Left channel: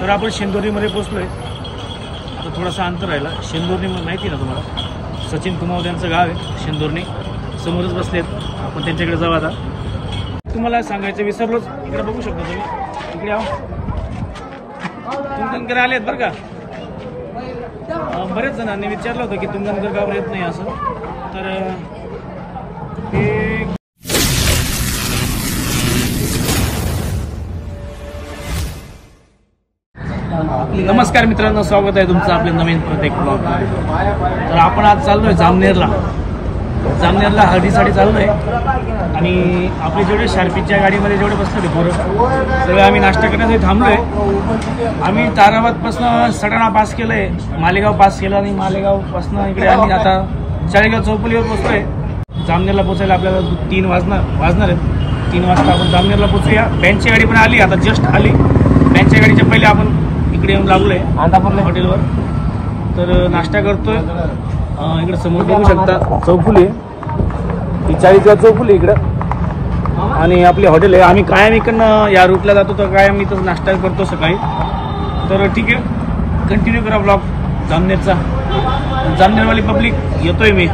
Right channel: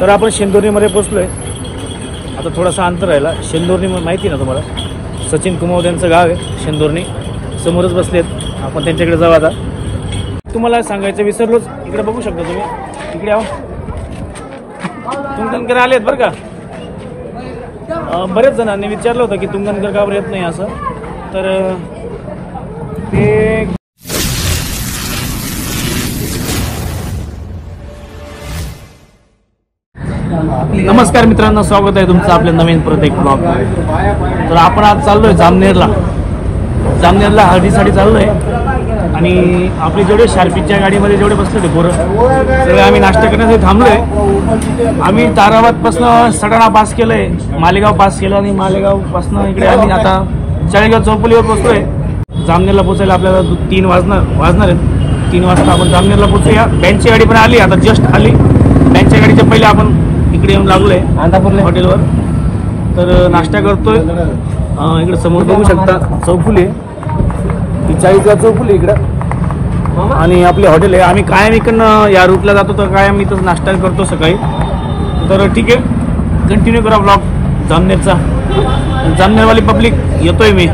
तर आपण शेंदुर्णीमध्ये पोहोचलोय। आता थोडासा अंतर राहिला। शेंदुर्णी माहिती ना तुम्हाला, सचिन कुमावत यांचं गाव आहे शेंदुर्णी, समोरच बसलेत। आपण त्यांच्याकडे जाऊ। आता तुम्हाला सांगायचं विसरलोच, इकडे बघू शकता तुम्ही, इकडे आहो, तुंगनकर आलेत बरं का। बरेच जणांनी विचारलं होतं की तुंगनकर का येत नाही असं, तर ते नमस्कार मित्रांनो, स्वागत आहे तुमचं आपल्या नवीन परत एक ब्लॉग। तर आपण आज चाललोय जामनेरला हळदीसाठी चाललोय। आणि आपले जेवढे शार्पीच्या गाडीमध्ये जेवढे बसले ते पोरं सगळे आम्ही नाश्ता करण्यासाठी थांबलोय। आम्ही ताराबादपासून सटाणा पास केलंय, मालेगाव पास केलं आणि मालेगावपासून इकडे आम्ही आता चाळीगाव चौपलीवर पोहोचलोय। जामनेरला पोहोचायला आपल्याला 3 वाजणार आहेत। 3 वाजता आपण जामनेरला पोहोचूया। बँकची गाडी पण आली, आता जस्ट आली। बँकच्या गाडीच्या पहिले आपण इकडे येऊन लागलोय अंतापूर हॉटेलवर। तर नाश्ता करतोय। इकडे समोर बघू शकता चौफुली, 40ला चौफुली इकडे, आणि आपले हॉटेल आहे। आम्ही कायम इकडनं या रूटला जातो, तर कायम इथं नाश्ता करतो सकाळी। तर ठीक आहे, कंटिन्यू करा ब्लॉग जामनेरचा। जामनेरवाली पब्लिक येतोय मी,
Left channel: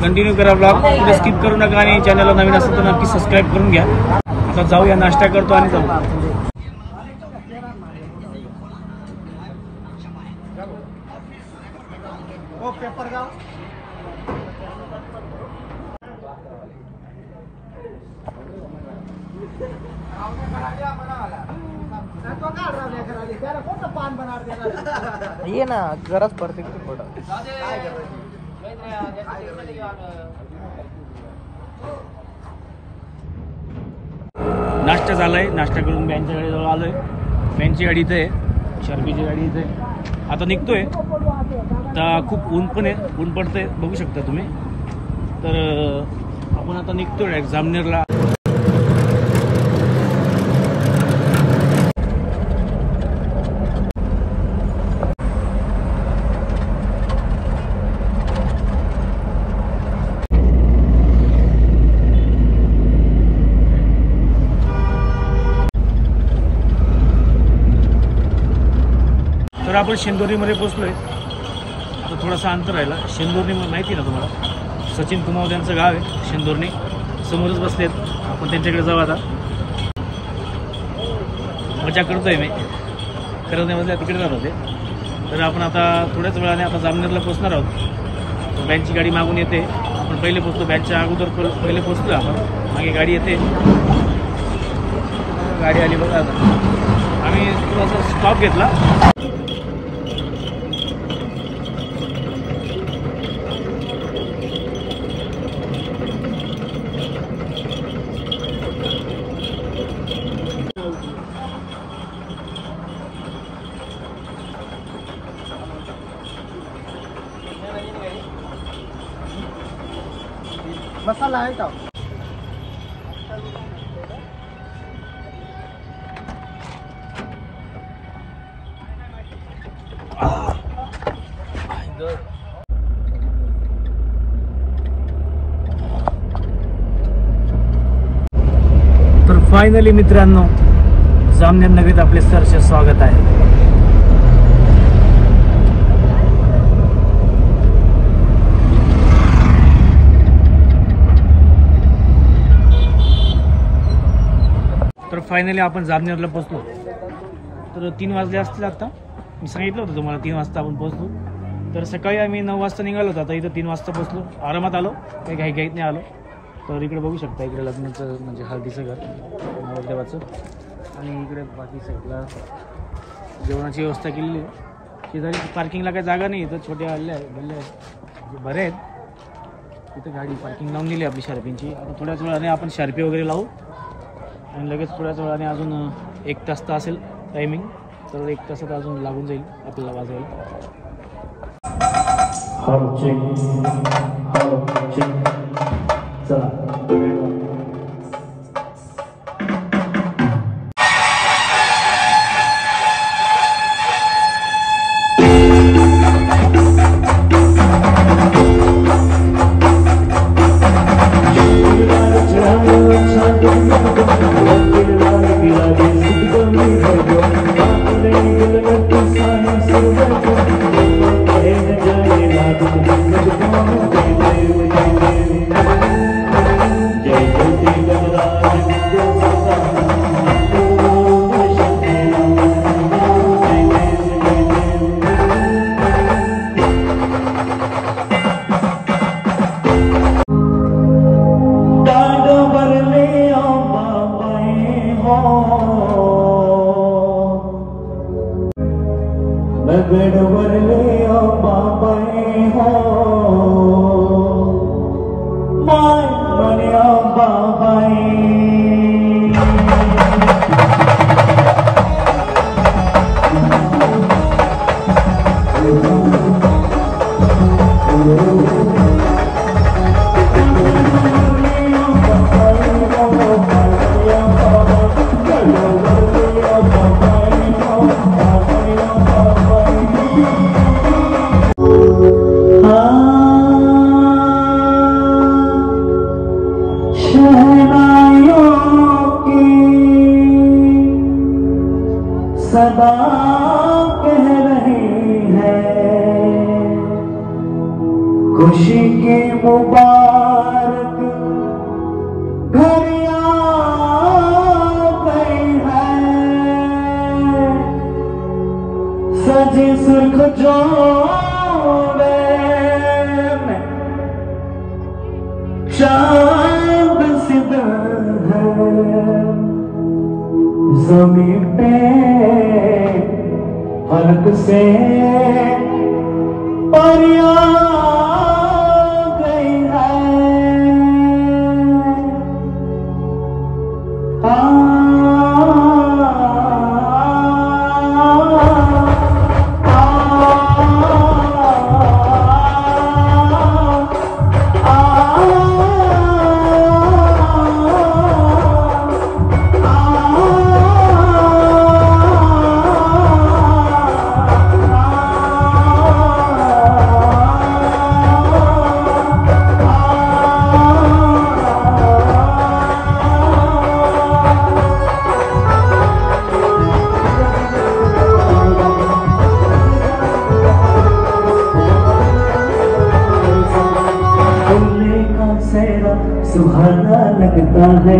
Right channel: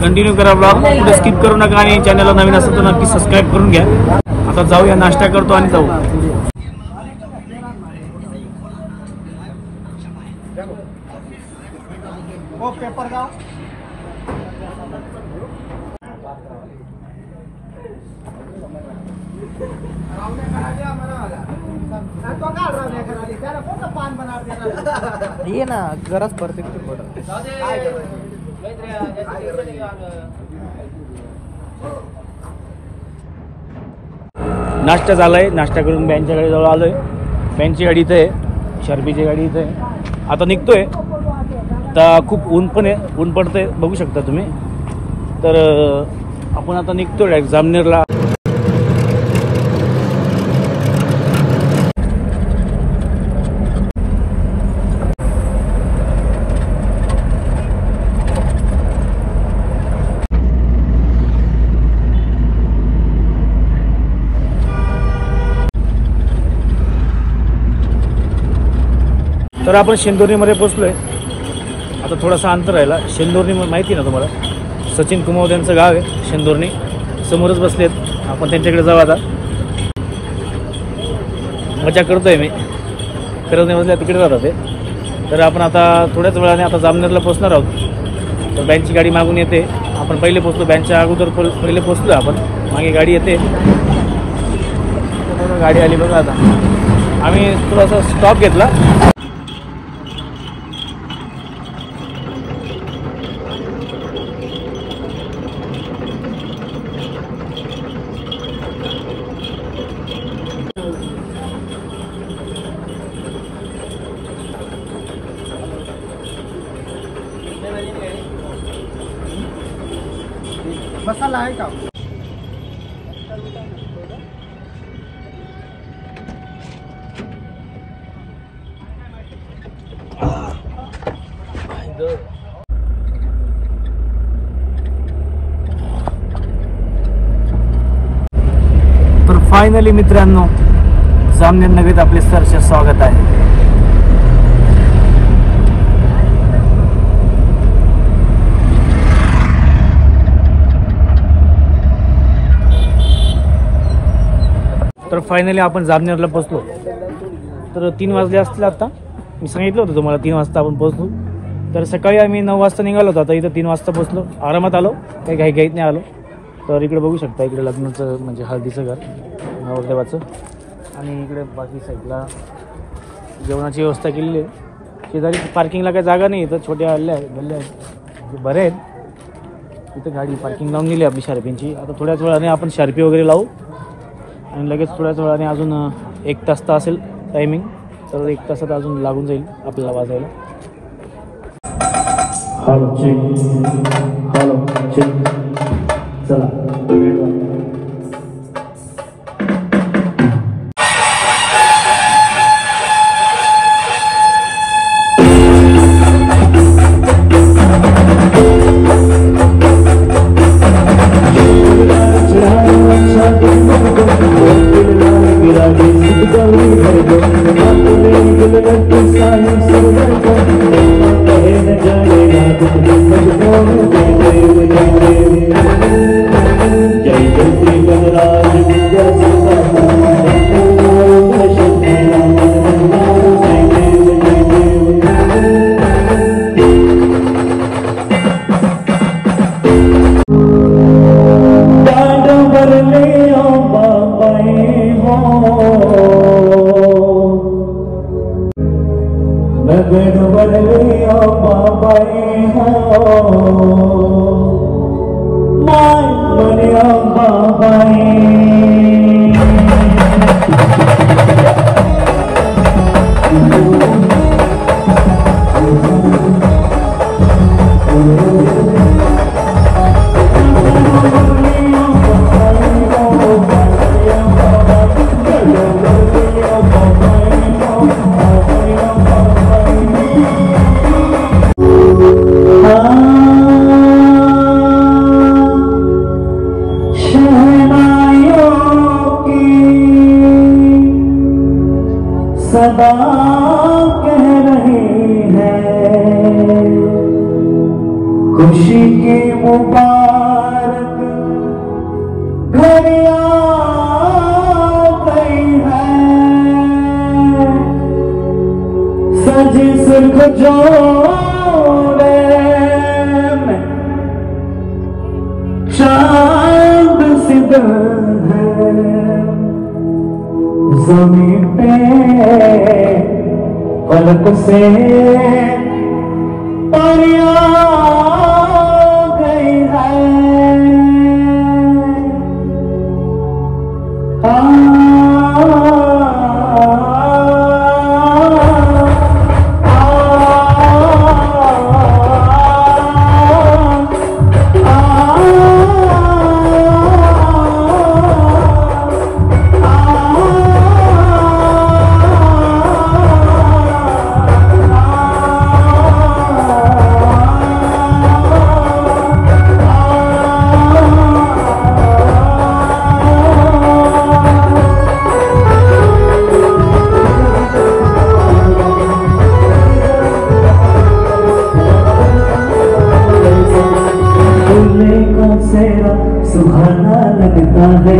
कंटिन्यू करा ब्लॉग, पुढे स्किप करू नका। आणि चॅनलला नवीन असेल तर नक्की सबस्क्राईब करून घ्या। आता जाऊया, नाश्ता करतो आणि जाऊ। पेपर गाव ये ना, गरज पडते किती पडत। नाश्ता झालाय, नाश्ता करून बँकच्या गाडी जवळ आलोय। बँकची गाडी इथे आहे, शार्पीची गाडी इथे आहे। आता निघतोय। आता खूप ऊन पण आहे, ऊन पडतंय बघू शकता तुम्ही। तर आपण आता निघतोय डायरेक्ट जामनेरला। तर आपण शेंदुर्णीमध्ये पोहोचलोय। आता थोडासा अंतर राहिला। शेंदुर्णी माहिती ना तुम्हाला, सचिन कुमावत यांचं गाव आहे शेंदुर्णी, समोरच बसलेत। आपण त्यांच्याकडे जाऊ। आता मजा करतोय मी, खरंच नाही बसल्या तिकडे जातात ते। तर आपण आता थोड्याच वेळाने आता जामनेरला पोहोचणार आहोत। तर बँकची गाडी मागून येते, आपण पहिले पोहोचलो, बँकच्या अगोदर पहिले पोहोचलो आपण। मागे गाडी येते, गाडी आली बघा। आता आम्ही थोडासा स्टॉप घेतला। मसाला आहे का? तर फायनली मित्रांनो, जामनेर नगरीत आपले सहर्ष स्वागत आहे। तर फायनली आपण जामनेरला पोहोचलो। तर 3 वाजले असतील आता, मी सांगितलं होतं तुम्हाला 3 वाजता आपण पोहोचलो। तर सकाळी आम्ही 9 वाजता निघालो होतो, आता इथं 3 वाजता पोहोचलो। आरामात आलो, काही घाईत नाही आलो। तर इकडे बघू शकता, इकडे लग्नाचं म्हणजे हळदीचं घर नवरदेवाचं, आणि इकडे बाकी साईडला जेवणाची व्यवस्था केलेली आहे। शेजारी पार्किंगला काही जागा नाही, इथं छोट्या गल्ल्या आहेत, बरे आहेत। इथं गाडी पार्किंग लावून दिली आपली शार्पींची। आता थोड्याच वेळाने आपण शार्पी वगैरे लावू, आणि लगेच थोड्याच वेळाने अजून 1 तास तर असेल टायमिंग, तर 1 तासात अजून लागून जाईल आपल्याला वाजायला। चला Thank you. बरलिया बाबाई हो माय बलिया बाबाई सदा कह रही है खुशी की मुबारक घड़ी आ गई है सजे सुर्ख जोड़े में चांद सिद्ध है ज़मीन पे पलक से परिया गई है सुहाना लगता है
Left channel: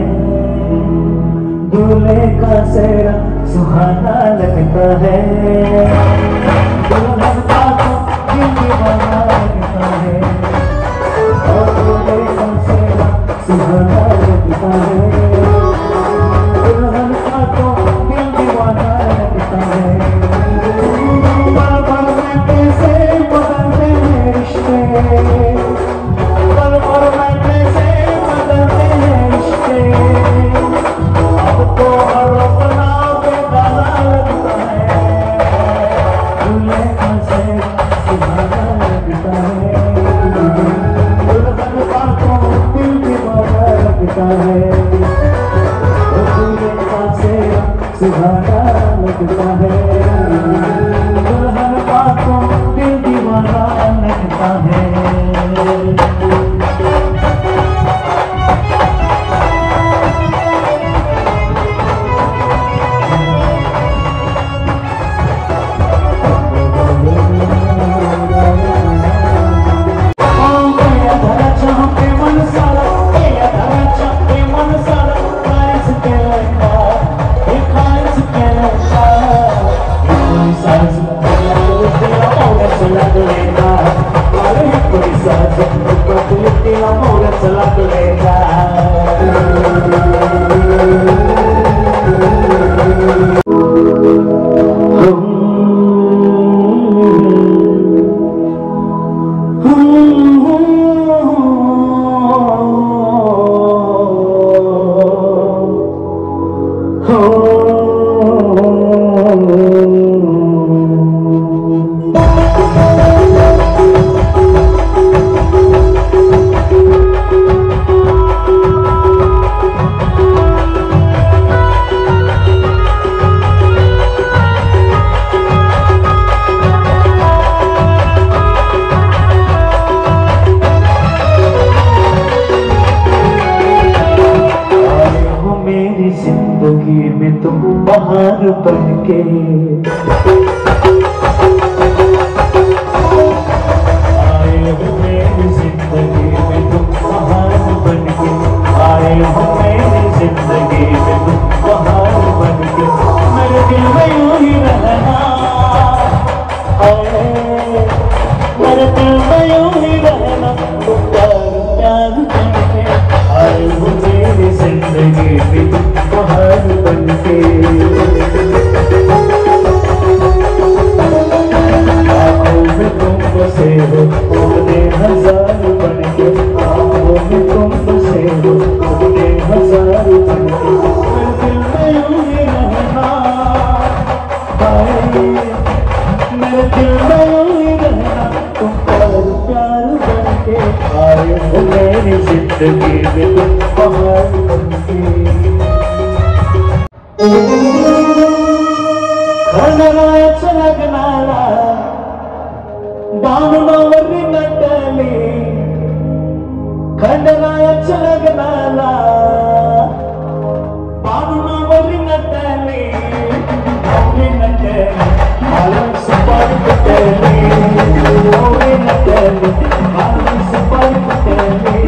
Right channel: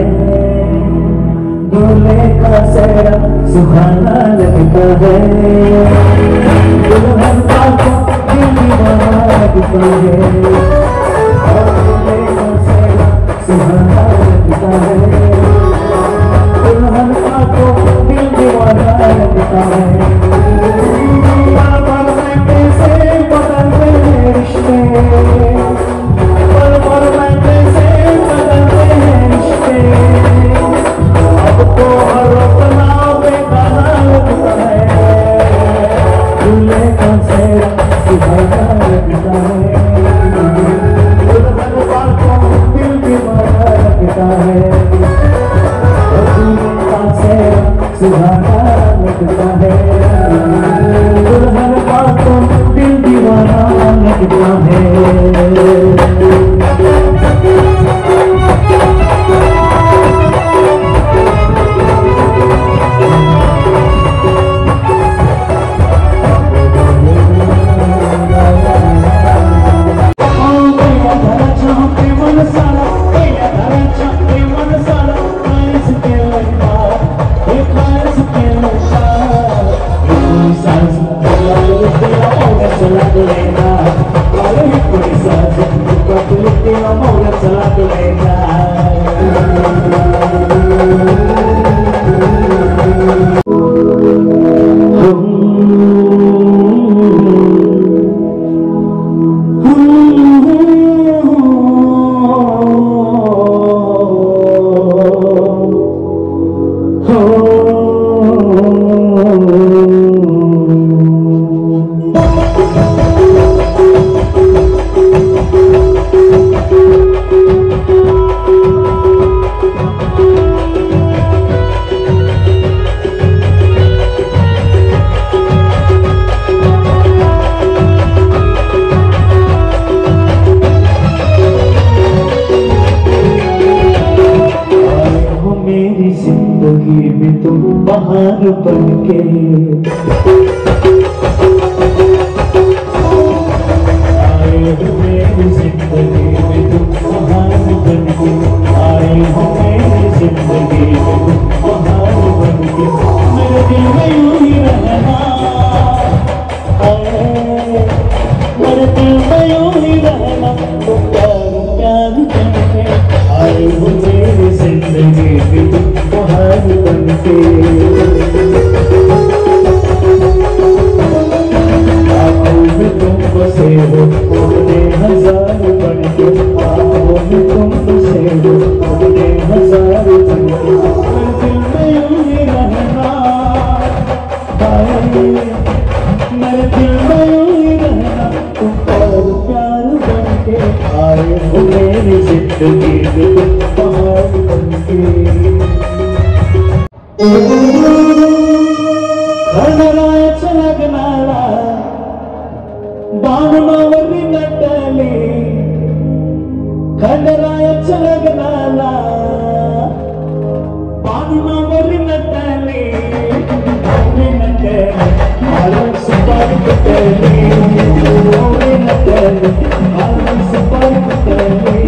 दूल्हे का सेहरा सुहाना लगता है दुल्हन का तो दिल दीवाना लगता है सुहाना लगता है दुल्हन का तो दिल दीवाना लगता है बहार बनके आए हो मेरी जिंदगी में तुम बहार बनके आए हो मेरी जिंदगी में तुम बहार बनके मेरे दिल में यूं ही रहना मेरे दिल में यूं ही रहना तुम प्यार बनके आए हो मेरी जिंदगी में तुम बहार बनके जिंदगी में तुम बहार बनके खंडरायाच्या लग्नाला बाणमावरी नटली खंडरायाच्या लग्नाला बाणमावरी नटली ओवी नटली आलं सुपार नटली ओवी नटली आलं सुपार नटली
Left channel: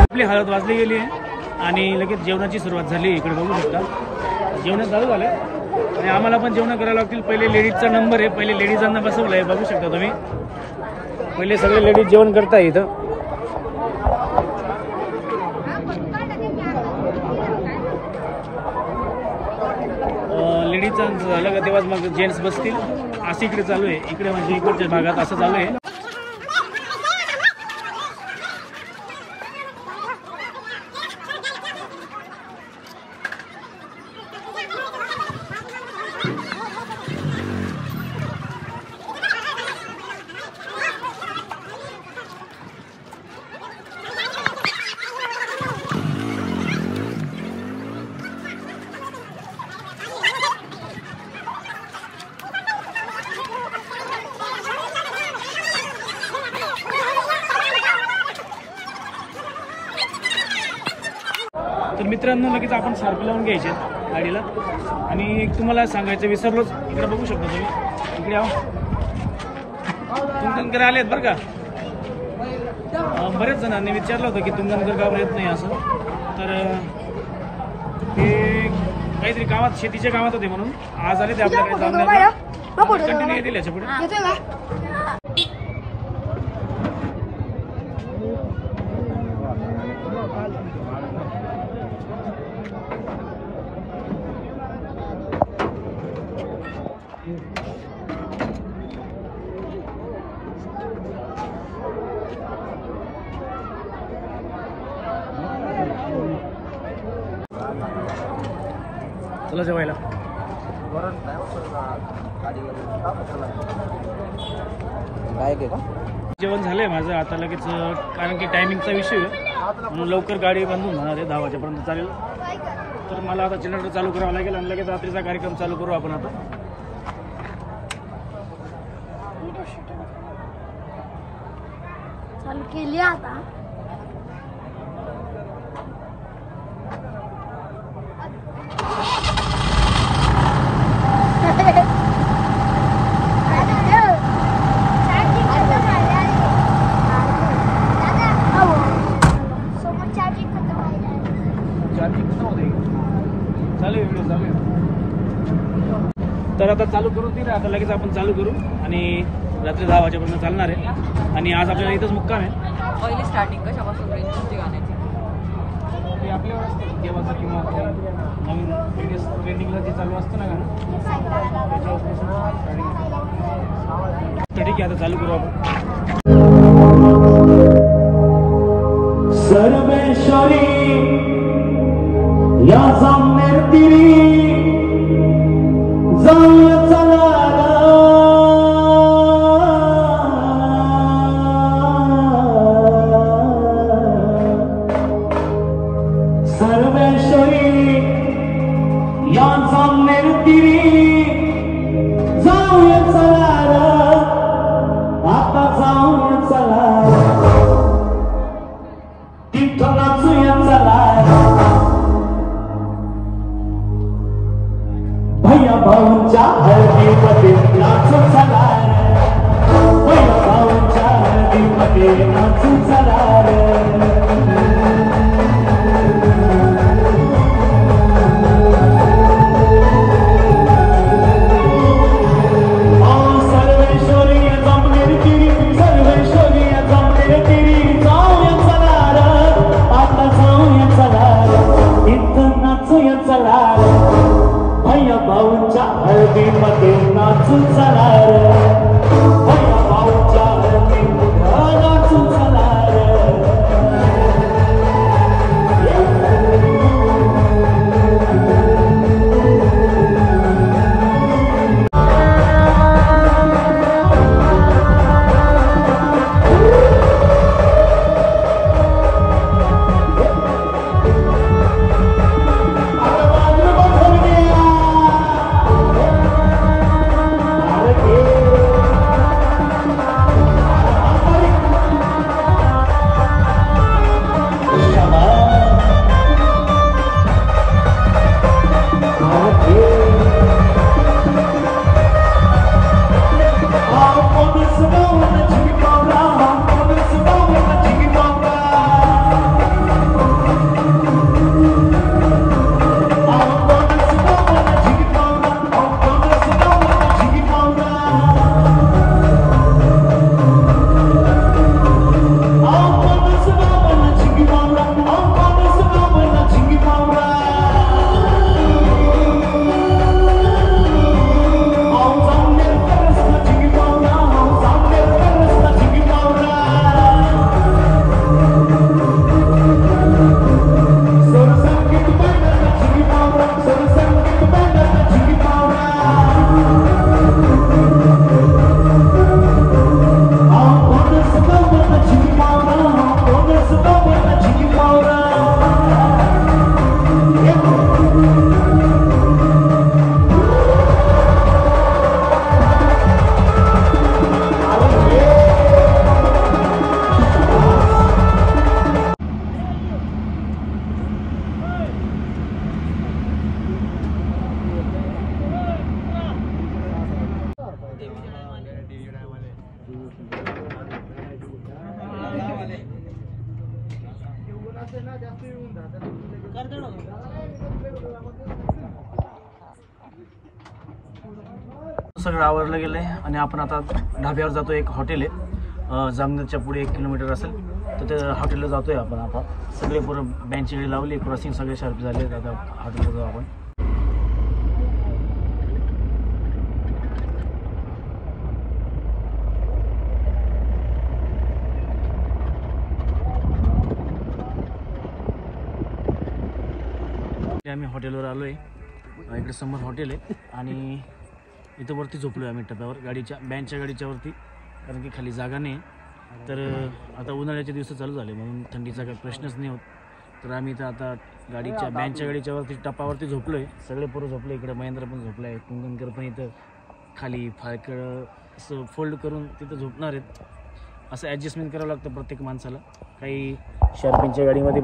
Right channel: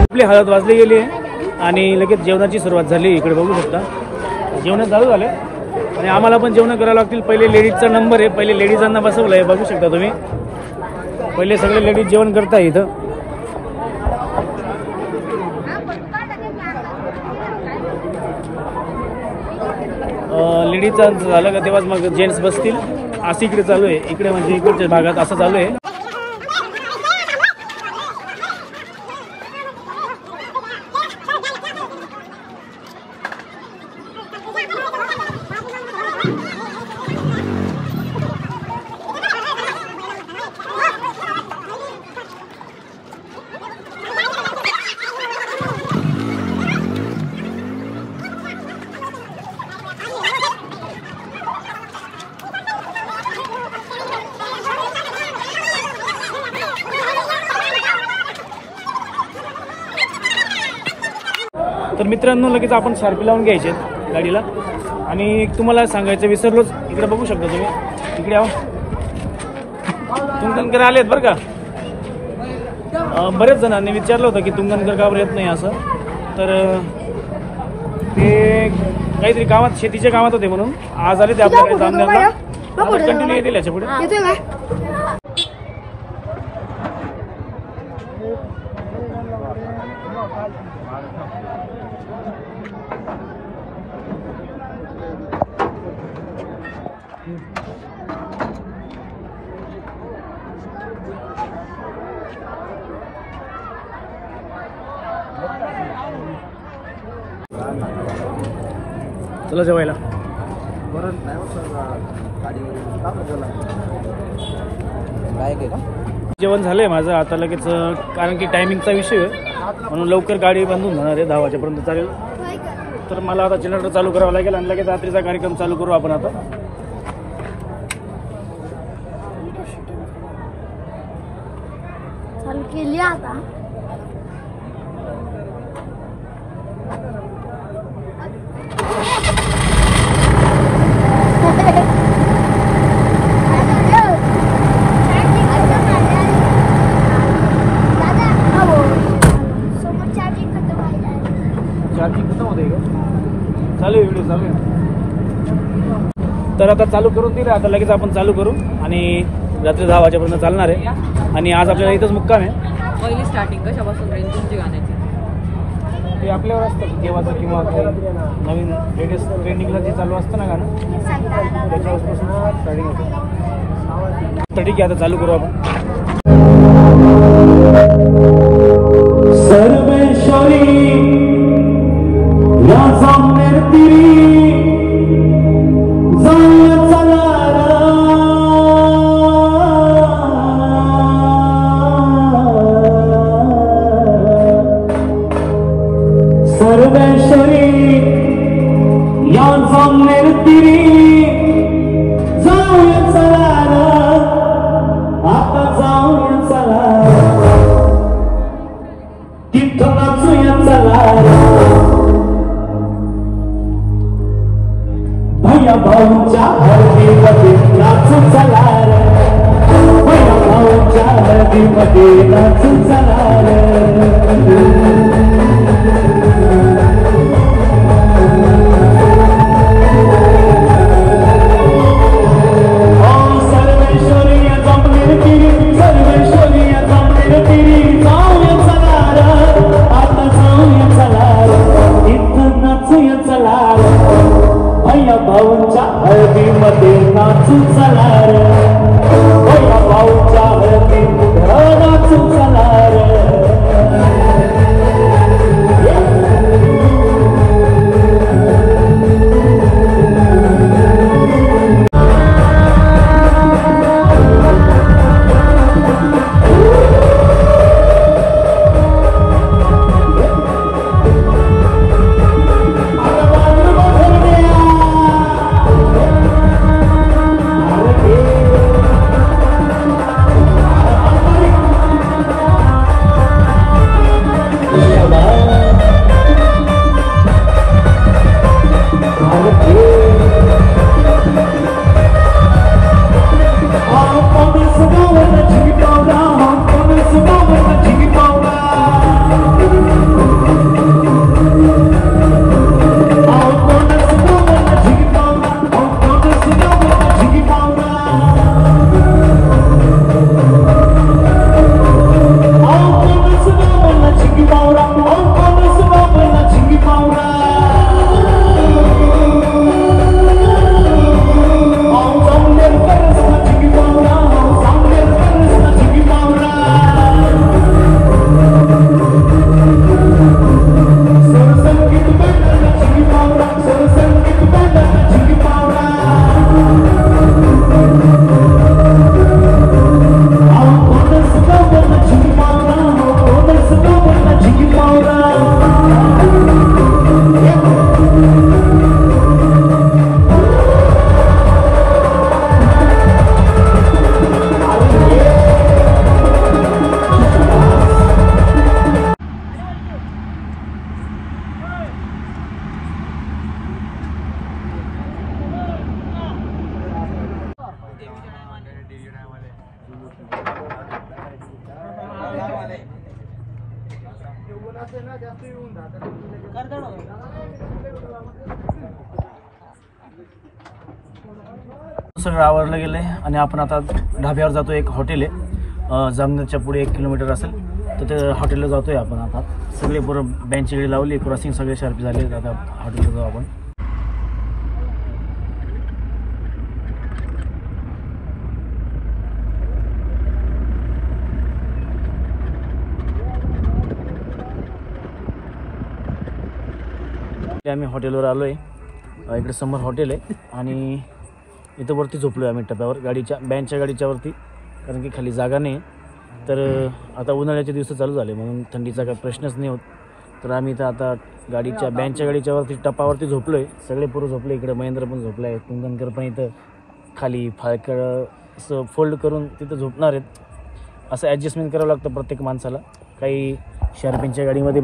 आपली हळद वाजली गेली आहे आणि लगेच जेवणाची सुरुवात झाली. इकडे बघू शकता जेवण चालू झालं आणि आम्हाला पण जेवण करावं लागतील. पहिले लेडीजचा नंबर आहे, पहिले लेडीजांना बसवलं आहे. बघू शकता तुम्ही पहिले सगळे लेडीज जेवण करताय इथं. लेडीजचा झालं का तेव्हाच मग जेंट्स बसतील. असं इकडे चालू आहे. इकडे म्हणजे इकडच्या भागात असं चालू आहे. तर मित्रांनो लगेच आपण शार्पी लावून घ्यायचे गाडीला. आणि तुम्हाला सांगायचं विसरलोच, इकडे बघू शकता तुम्ही. इकडे आहो तुंगनकर आलेत बरं का. बरेच जणांनी विचारलं होतं की तुंगनकर का बरं येत नाही असं. तर ते काहीतरी कामात शेतीच्या कामात होते म्हणून आज आले ते आपल्या काही सामन्याला. कंटिन्यू येतील याच्या पुढे. चला जेवायला. जेवण झालंय माझं आता लगेच, कारण की टायमिंगचा विषय म्हणून लवकर गाडी बांधून जाणार आहे. 10 वाजेपर्यंत चालेल. तर मला आता जनरेटर चालू करावं लागेल आणि लगेच रात्रीचा कार्यक्रम चालू करू आपण. आता तर आता चालू करून दिलं. आता लगेच आपण चालू करू आणि रात्री 10 वाजेपर्यंत चालणार आहे. आणि आज आपल्याला इथंच मुक्काम आहे. पहिली स्टार्टिंग कशापासून रेंज तुमची गाण्याची? ते आपल्यावर असतं केव्हाचं किंवा नवीन लेटेस्ट ट्रेंडिंगला जे चालू असतं ना गाणं त्याच्यापासून स्टार्टिंग होतं. तर ठीक आहे आता चालू करू आपण. सर्वेश्वरी या सामने तिरी सर्वेश्वरी या सामने तिरी जाऊया चला आता जाऊया चला तिथं नाचूया चला भैया भाऊच्या हळदीमध्ये नाचू चला भैया भाऊच्या हळदीमध्ये नाचू चला सर्वेश्वरी या जमनेर तिरी जाऊया चला भाऊच्या हळदीमध्ये नाचू चला रे, भैया भाऊच्या हळदीमध्ये नाचू चला रे. सगळं आवरलं गेलं आहे आणि आपण आता ढाब्यावर जातो. एक हॉटेल आहे जामनेरच्या पुढे 1 किलोमीटर असेल, तर त्या हॉटेलला जातो आहे आपण. आता सगळे बरं बँचची गाडी लावली, क्रॉसिंग सगळे शार्प झाले. आता हॉटेलला जाऊ आपण. आम्ही हॉटेलवर आलो आहे. इकडे समोर हॉटेल आहे आणि इथं वरती झोपलो आहे आम्ही टप्प्यावर, गाडीच्या बँचच्या गाडीच्या वरती, कारण की खाली जागा नाही. तर आता उन्हाळ्याचे दिवस चालू झाले म्हणून थंडीचा काही प्रश्नच नाही होत. तर आम्ही इथं आता गाडीच्या बँचच्या गाडीच्या वरती टप्पावरती झोपलो आहे. सगळे पोरं झोपले. इकडे महेंद्र पण झोपला आहे. कुंदनकर पण इथं खाली फाळकं असं फोल्ड करून तिथं झोपणार आहेत. असं ॲडजस्टमेंट करावं लागतं प्रत्येक माणसाला. काही शार्पिनच्या गाडीमध्ये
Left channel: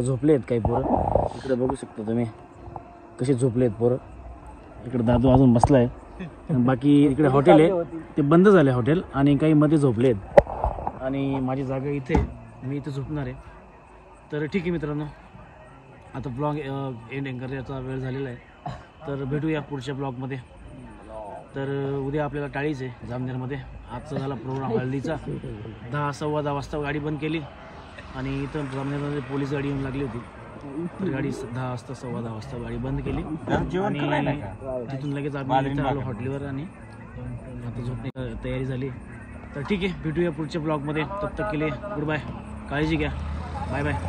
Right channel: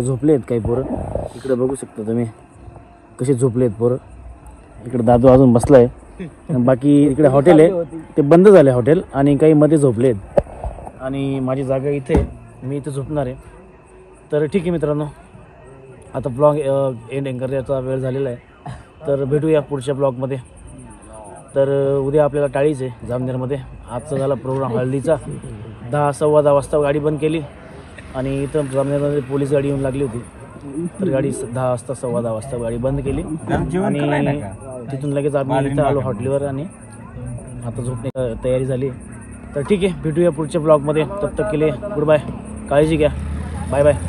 झोपले आहेत काही पोरं. इकडे बघू शकता तुम्ही कसे झोपले आहेत पोरं. इकडे दादू अजून बसला आहे. बाकी इकडे हॉटेल आहे ते बंद झालं आहे हॉटेल, आणि काही मध्ये झोपले आहेत. आणि माझी जागा इथे, मी इथे झोपणार आहे. तर ठीक आहे मित्रांनो, आता ब्लॉग एंडिंग करण्याचा वेळ झालेला आहे. तर भेटूया पुढच्या ब्लॉगमध्ये. तर उद्या आपल्याला टाळीच आहे जामनेरमध्ये. आजचा झाला प्रोग्राम हळदीचा. 10 सव्वा 10 वाजता गाडी बंद केली आणि इथं जामनेरमध्ये पोलीस गाडी येऊन लागली होती. तर गाडी 10 वाजता सव्वा 10 वाजता गाडी बंद केली आणि तिथून लगेच आम्ही इथं आलो हॉटेलवर आणि आता झोपण्याची तयारी झाली. तर ठीक आहे, भेटूया पुढच्या ब्लॉगमध्ये. तब तक के लिए गुड बाय. काळजी घ्या. Bye bye.